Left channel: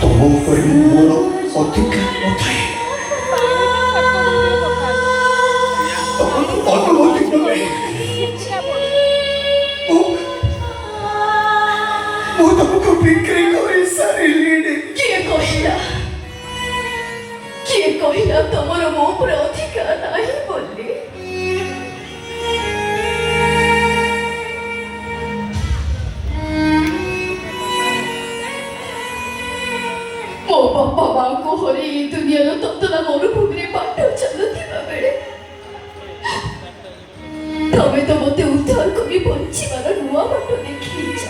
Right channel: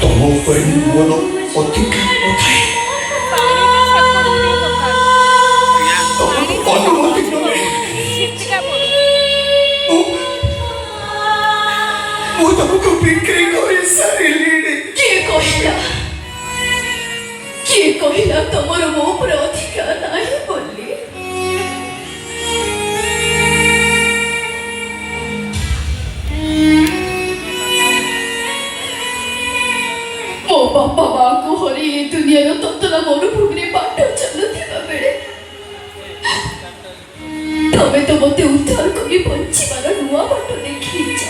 तुम ऊपर मोर अधिक नथाए ମୁଁ ତମକୁ ବିକ୍ରି କରି ସାରିଲିଣି। କିଏ କହିଲା ତମର ମୋ ଉପରେ ଅଧିକାର ନାହିଁ ବୋଲି? ମୋ ବାପା ମାଙ୍କୁ ହରି ଏ ଦୁନିଆର ତତଲା ମରୁଭୂମିରେ ବାଟ ଚାଲୁଥିବା ବେଳେ ତମେ ତ ମୋତେ ଉଦ୍ଧାର କରି ବଞ୍ଚିବାର ନୂଆ ବାଟ ଦେଖେଇଛ।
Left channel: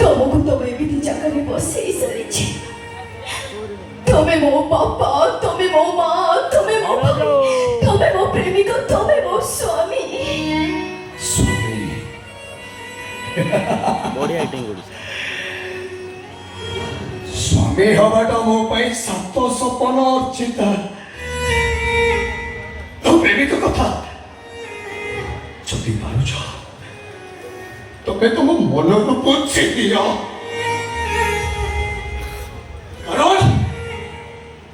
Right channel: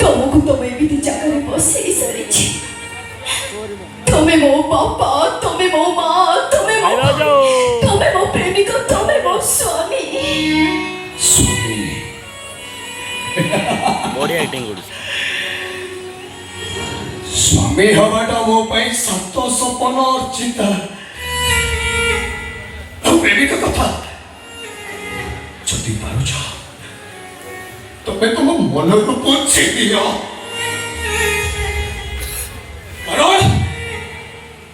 ତମକୁ ତମେ ଏମିତି ଜାଗାରେ ବସେଇ ସାରିଛି। ତମେ ମୋ ବାପା, ତମେ ମୋ ମା, ତମେ ମୋ ପ୍ରେମିକ, ତମେ ମୋ ସ୍ୱାମୀ। ବଢିଆ ଆକ୍ଟିଂ କରୁଛି। ସ୍ୱାମୀ ହବାଟା ମୋ ପାଇଁ ସାତ ସପନ ଅର୍ଚିତା। ପ୍ରେମିକ କଥା ଯଦି ପାରୁଛ ତମେ ତମ ମନକୁ ପୋଛି ଦିଅ। କାରଣ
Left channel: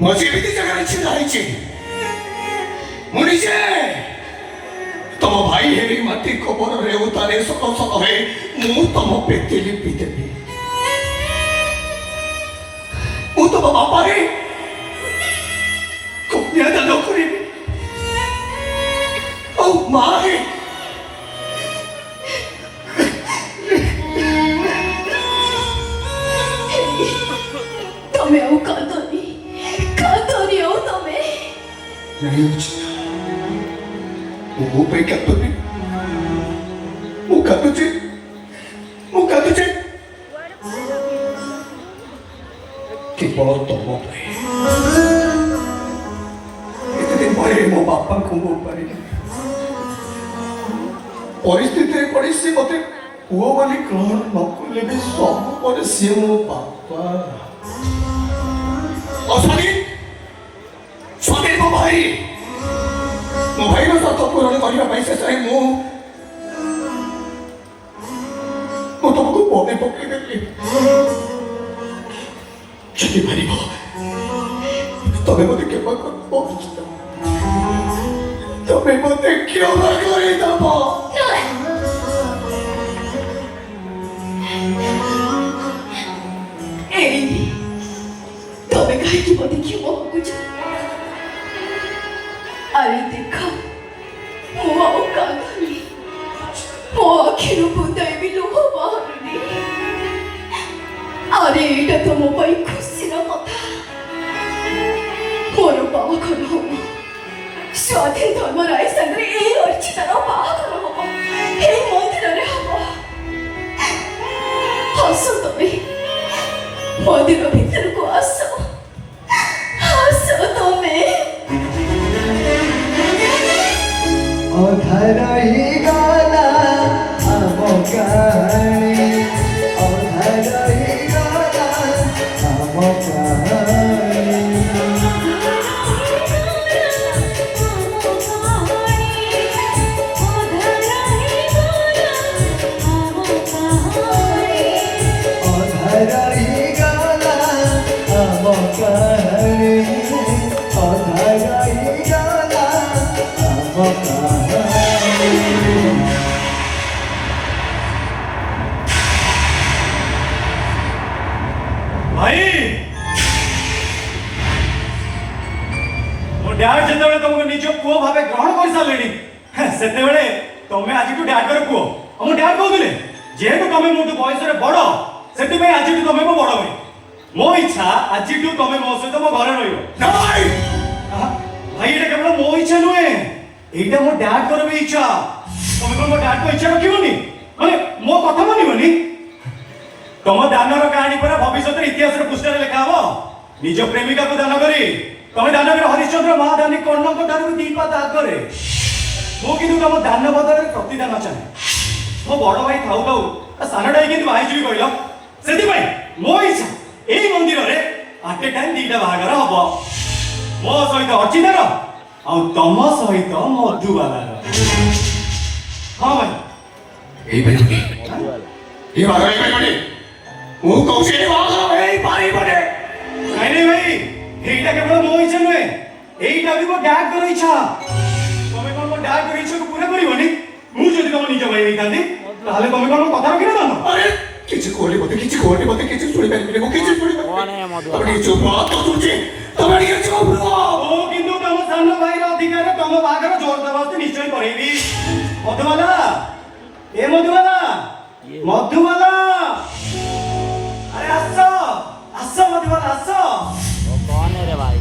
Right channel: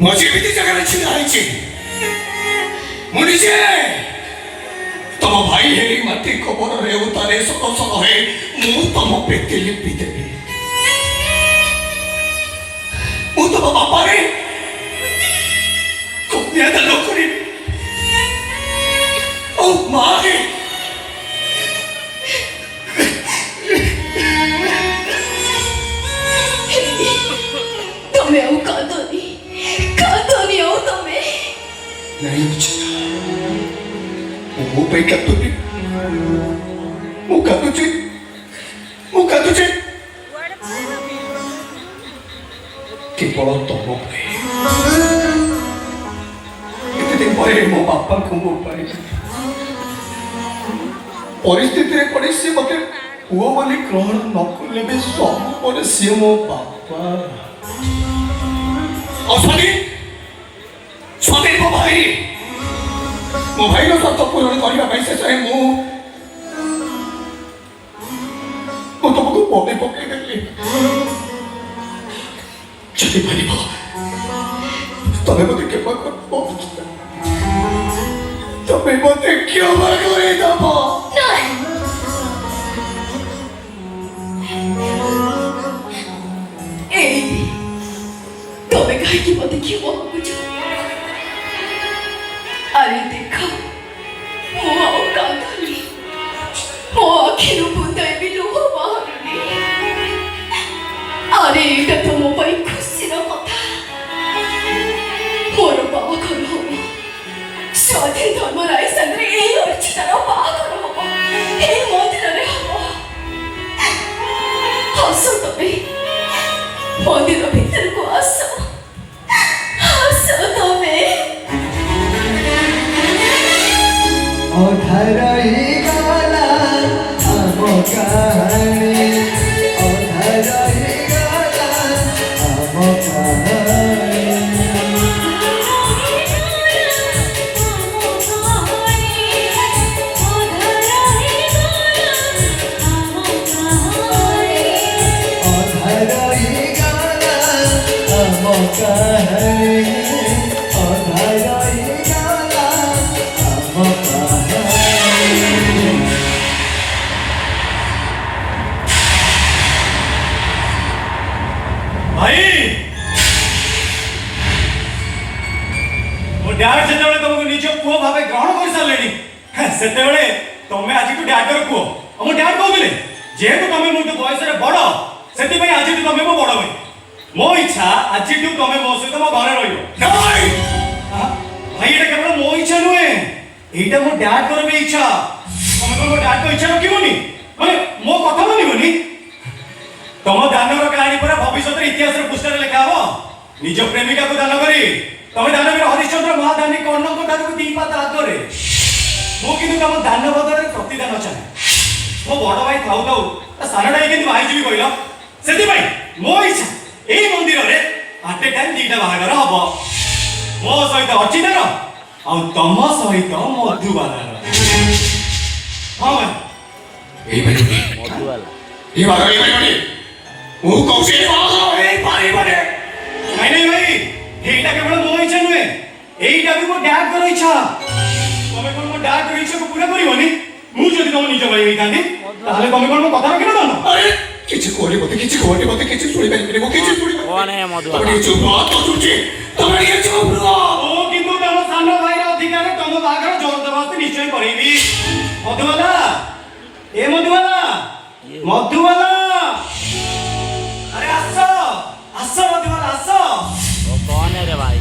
ମୁଁ ଯେମିତି ଜାଗାରେ ଛିଡ଼ା ହେଇଛି ମୁଁ ନିଜେ ତମ ଭାଇ ହେରି ମାଟି କବରରେ ଉତାରେ ସକ ସକ ହେଇ ମୁଁ ତମ ପେଟେ ଲିପି ଦେବି। ମୁଁ ତମ ବାପାରେ କନ୍ୟାଦାନ କରିବି ଆଉ ମାରେ ତମେ ଆଉ କାନ୍ଦନି ଆଉ ତମେ नहीं वो पे क्या तो नहीं वो क्या तुझे केवल तुम पे इतने बड़े मो बापा को मो पारे परिस्थिति रे पड़ी सी मते हुआ बोली ग्रहण न करले भी सब पर सी मो बापा स्वामी मो भाई रो सत पूरण करने शेष तुमको मने पकईदेली जदि पार तमें मत क्षमा कर तमें मत क्षमा करदब तमें कहीं मत क्षमा बुझ अरे देख मो कांदनी मो आखिर बुंदाए भी लुह बाहरुनी। अरे एटा तो मो पाई खुशीर कथा। मोर बाहाघर हम स्वाधीन धर्मराय संगे ए अर्चितार बाहाघर हम ए मंदिर रे हम। हस तमे मंदिर भीतर को आस तमे अधर ही गाला आम कहानी अधर ही गाला आम डैड जेतेबेले तुमको निज पुओ भावे ग्रहण कर सारलेनी सेतेबेले तमे आज टू डैड कर पुओ हम डैड कहउथिले जेहेतु तमे मोटू बयस रे बड़ सेति भाई आज टू तमे मो बड़ भाई मो इच्छा आज टू तमे मो सहित मो घरे रहिबो नाही भाई एटा केवल मो इच्छा नुए एटा मो डैड कर भी इच्छा तमे को मो डैड को इच्छा रखिबोनी माने मो कथा मानिबोनी तम दानर कहानी पर भविष्य इतिहास रे पुस्तक रे लिखा हो निज प्रेमिका को दान करी तमे दानवीर हरिश्चंद्र महादानी कर्णक ठारू दी पात आगे मु कि तुम दान बदल प्रतिदान चाहे मो बड़ भाई थाऊ थाऊ सानटा कि बाहर कहल से मो इच्छा यही मंदिर में आट ए टाइम दीटा बाहागर हम मो सहित अर्चितार ଆଉ ତମ ସହିତ ମଧୁବାଲା ହଁ ଭାଇ এই বাড়ি এই বাড়ি ମୁଁ କହୁଛି ଏଇ ବାড়ি ବାড়ି ନାଇଁ ନାଇଁ ଭାଇ ଏଇଟା କେବଳ ମୋ ଇଚ୍ଛା ନୁହେଁ ଏଇଟା ବି ମୋ ଡାଡଙ୍କର ଇଚ୍ଛା ତମେ କଣ ମୋ ଡାଡଙ୍କର ଇଚ୍ଛାକୁ ପୁରା କରିବନି ମୁଁ ଯଦି ତମ ନିଜ ଭାଇ ହେଇଥାନ୍ତି ତାହେଲେ ତମେ କଣ ମୋ କଥା ରଖିନଥାନ୍ତ ଆରେ କିଛି କହିଲେ ମତେ କିଛି ଶୁଣିପାରିବିନି ମୁଁ କିଛି ଶୁଣିପାରିବିନି ତମେ ଚୁପ ରହ ତ ଶୁଣୁଛି ତମେ ଟିକେ ଚୁପ ରହ ଓ କିନ୍ତୁ ତମ ସାନ ଭାଇର ଅଧିକାର ତମ ବାହାଘର ଜବରଦସ୍ତି ନିଶ୍ଚୟ କରେଇବି ମଧୁବାଲା ଏ ମଧୁବାଲା अरे आसो मधुबाला आसो वो कौन है रे भाई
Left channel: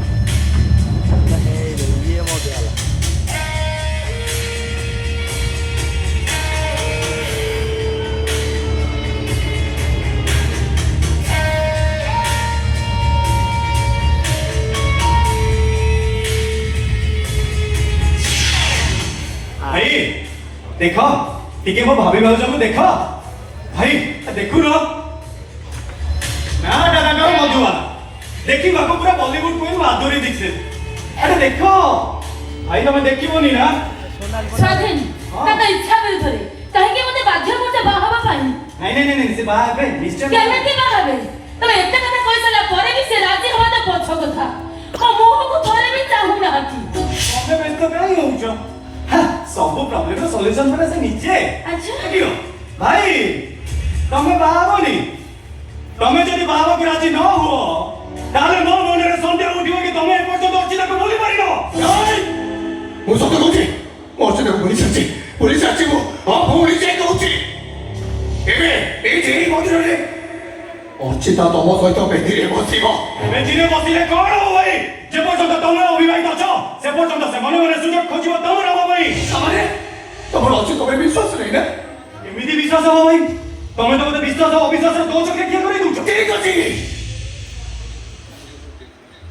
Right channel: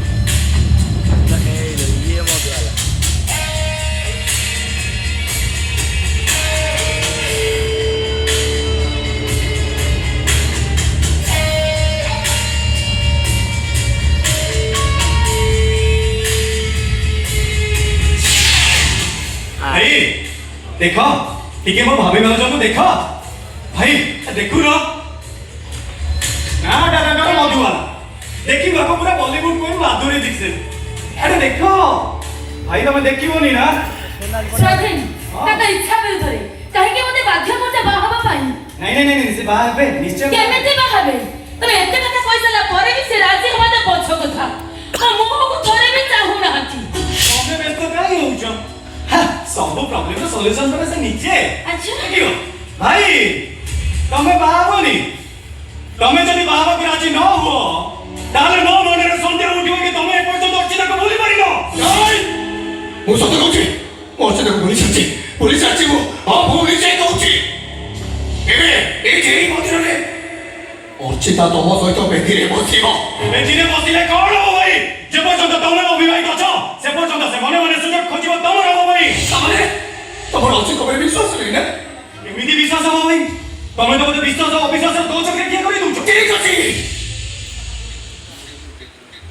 ये मधुबाला भाई देखो टिके मो भाभी भाउज को देखो भाई देखु न ना दादा कर मधुबाला देखी बाबू पूरा बॉलीवुड कोई माधुरी दीक्षित अरे देखो भाई तुम देखिबोनी ना स्वाधीन ताका इच्छा विरुद्धरे काहेकि मते बाध्य करते बाहाबा पाई नहीं से बाहा पे निश्चय केमेते बाहाबे तमे एते कथा कइसला परे भी से राजी हवा त पछ कथा आ मोह को थोरे भी चाहू ना हती तुमने व्यस्त काई होउछो सब प्रॉब्लम रो सॉल्यूशन पर से नीचे अच्छा देखियो भाई तुमे बाहाबोनी तुमे जदि बाबा के राजी न हो ताले मो मनरे संदेह उठिबो कि तुमे एपर्यंत अर्चिता को भूली पारिनो ନାଇଁ ମୁଁ ସତ କହୁଛି ମୋ ଅର୍ଚ୍ଚିତାକୁ ଭୁଲି ସାରିଛି ମୁଁ ହଁ ଭୁଲି ଯାଇ କହୁଛି ଏବେ ଏଇଠି ଏଇ ମନ୍ଦିରରେ ଅର୍ଚ୍ଚିତା ତମ ସହିତ ବେଦିରେ ବସିବ ବେଦିରେ ବସିଲେ କଣ ହବ ଭାଇ ଯେ ପର୍ଯ୍ୟନ୍ତ ତୁମେ ଅବିବାହିତ ଅଛ ସେ ପର୍ଯ୍ୟନ୍ତ ସେ ମନେ ମନେ ସୁଯୋଗ ଖୋଜିବ ତମର ହବ ଭାଇ ତାମାନେ ତମର ଅର୍ଚ୍ଚିତା ଉପରେ ବିଶ୍ୱାସ ନାହିଁ ନା ଏମିତି ବିଶ୍ୱାସ ହବ ଭାଇ ତମେ ତ ମତେ ବିଶ୍ୱାସ ଅବିଶ୍ୱାସର ଦୋ ଚକିରେ କିଏ କରି ଦଉଛ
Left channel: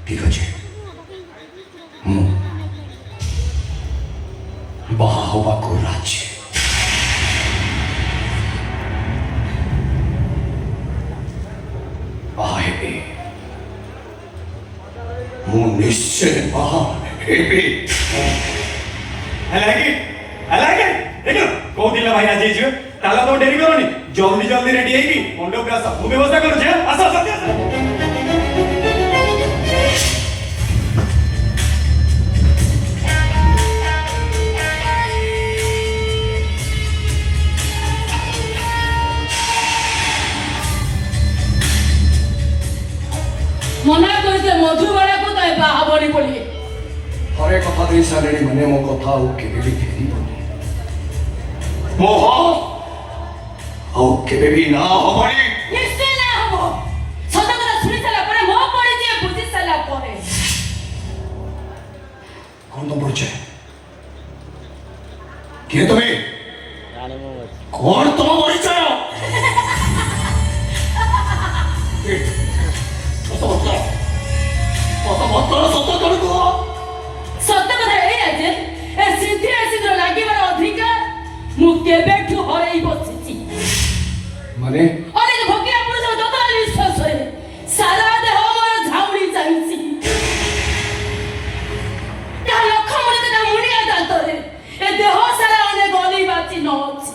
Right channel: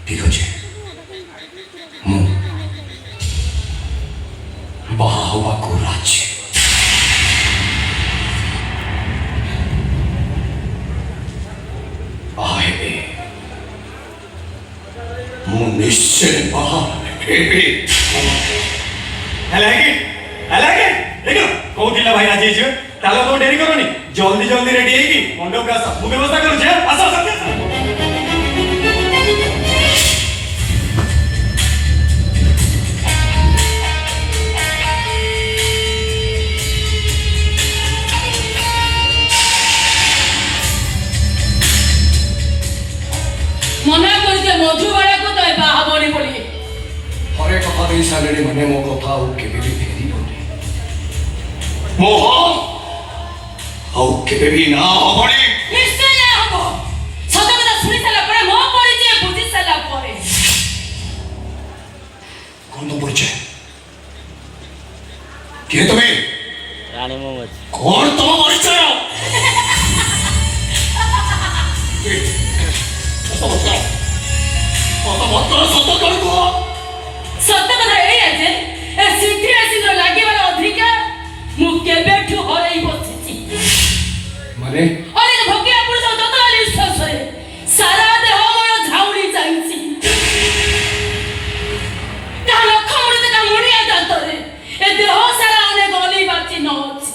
ଠିକ ଅଛି ମୁଁ ବାହା ହବାକୁ ରାଜି ବାହା ହେବି ମୁଁ ନିଶ୍ଚୟ ବାହା ହେବି I like it देखो କହୁଥିଲା ଭାଇ ରାଜି ହେଇଯିବେ ତାହେଲେ ଆପଣ ଡେରି କରନି ଜଲ୍ଦି ରେଡି ହେଇକି ମଣ୍ଡପକୁ ଆସ ମୁଁ ବ୍ୟବସ୍ଥା କରୁଛି ଆସ मना करते मधुबाला को तय बाहाबोनी पड़ी हरे कथा देई सालेणी माने मो कथा आउ केबे भी फेरिबोनी मोह आउ केबे भी ना हबनी निश्चय ना हबो सत कथा सुनि साला परे मो परिचय बुझि साला परे कौन तो परिचय के तुम्हें रानी मोहम्मद कौन तो परिचय सत कथा एई जे ए सिद्धि सिद्धि लागिबार अधिकार मु केबेठु हरई बसिछि माने अरे भगिया पुरुष दतली ससरे सारा देह मोर झाउली जाइछि ता लख मुरते ता मुनिया दांतरे ए देह सारा अने गली बाची न अछि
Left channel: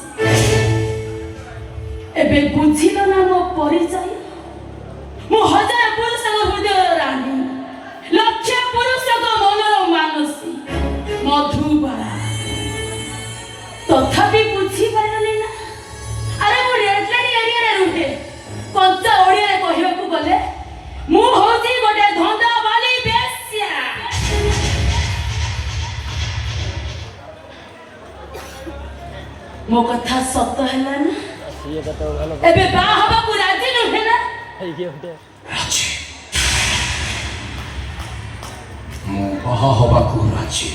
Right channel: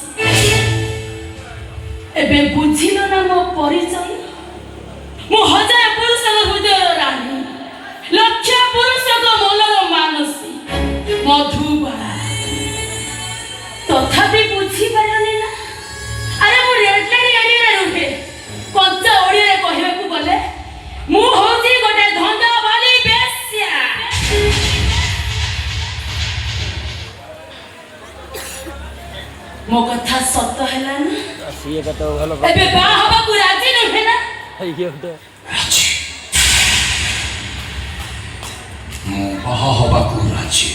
एबे बुझिलो ना मो परिचय मु हजार पुरुष हृदय रानी लक्ष पुरुष को मनर मानसी मधुबाला तथापि बुझी पारनी ना अरे मु रेडलाइन एरिया रे रुहे कंचा ओडिया कहबे को गले मु होजी गोटे धंदा वाली बेस्या मो कथा सत्य हैला ना ये कतो भलो एबे बा हबा को राजी न हैला ये तो राजी ମୁଁ ବାହା ହବାକୁ ରାଜି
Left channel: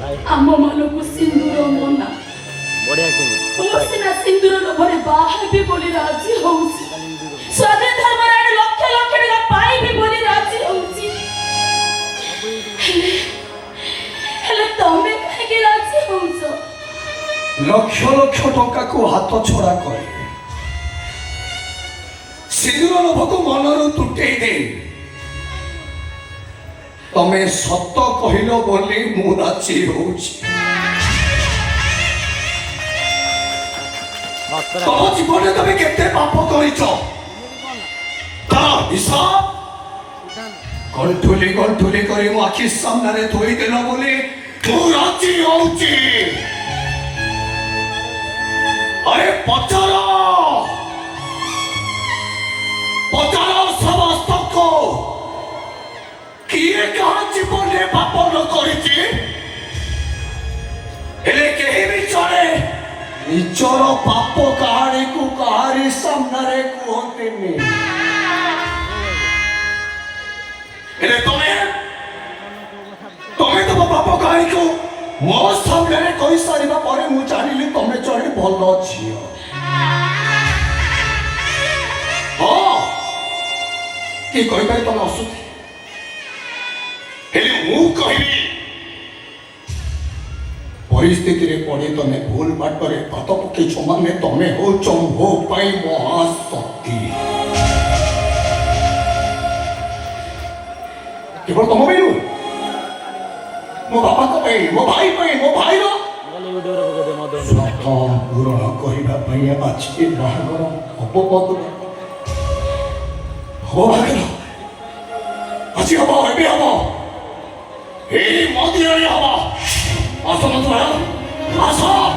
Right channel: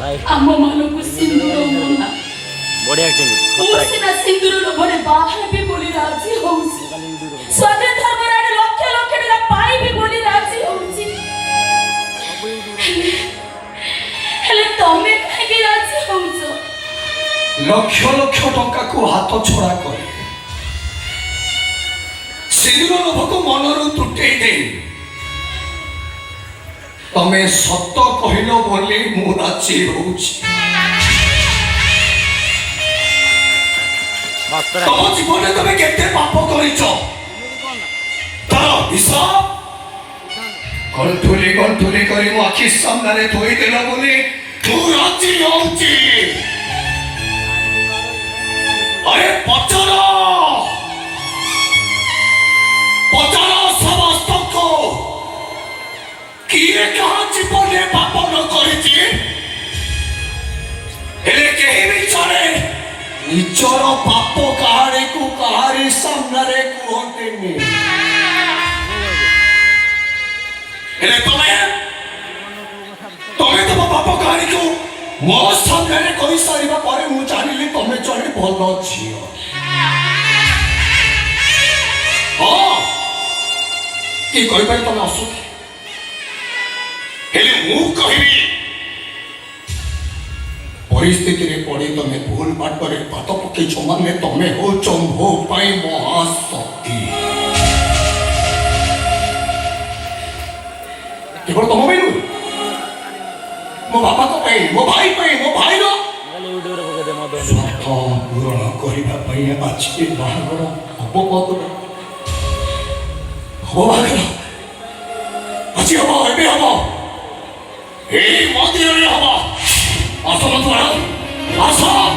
भाई ଆମ ମାନଙ୍କୁ ସିନ୍ଦୁର ମନା बढ़िया एक्टिंग ମୁଁ ସିନା ସିନ୍ଦୁର ଲୋଭରେ ବାହା ହେବି ବୋଲି ରାଜି ହଉଛି ସ୍ୱାଧୀନ ଧର୍ମରେ ଆଣି ଲକ୍ଷ ଲକ୍ଷ ଟଙ୍କା ପାଇବି ବୋଲି ରାଜି ହଉଛି ହେଲେ ତମେ କାହିଁକି ରାଜି ହଉଛ ଲକ୍ଷ ଲକ୍ଷ ଟଙ୍କାକୁ ହାତ ଛଡ଼ା କରି ସିନ୍ଦୁର ଲୋଭକୁ ମନରୁ ତୁଟେଇ ଦେଇ ତମେ ସତ କହିଲ ବୋଲି ମୁଁ ରାଜି ହଉଛି। ତମ ଜୀବନରେ ତମେ କେତେ ପାପ କରିଛ ତାର ହିସାବ ଗଣ୍ଠୁଲି ଗଣ୍ଠୁଲି କରି ମୋ ଆଖି ସାମ୍ନାରେ ଥୋଇଦେଲ ବୋଲି ମୁଁ ରାଜି ହଉଛି। अरे पचारो पचारो समस्त को किए कहाँ जीवन में पाप न करिछि हेले केहि भी चले निचर पाप कहानी को कहारी सामने कहतेनि हेले तमे तो पाप कहानी को मो सामने कही सारिबा परे मु जानिली तमे जणे भल झियो। हाँ कि कहि पाइ तमे असुथि हेले मु कहिबी परिस्थिति रे पड़े तमे भूल बाटरे पत पके छमाने तमे हो चंभो पाई महाशक्ति केवल तम बेनु मो बापा को पाई मो भाई रो पूरण करने आज बाहर हम कद आज हम ए हम मंदिर हम आस आस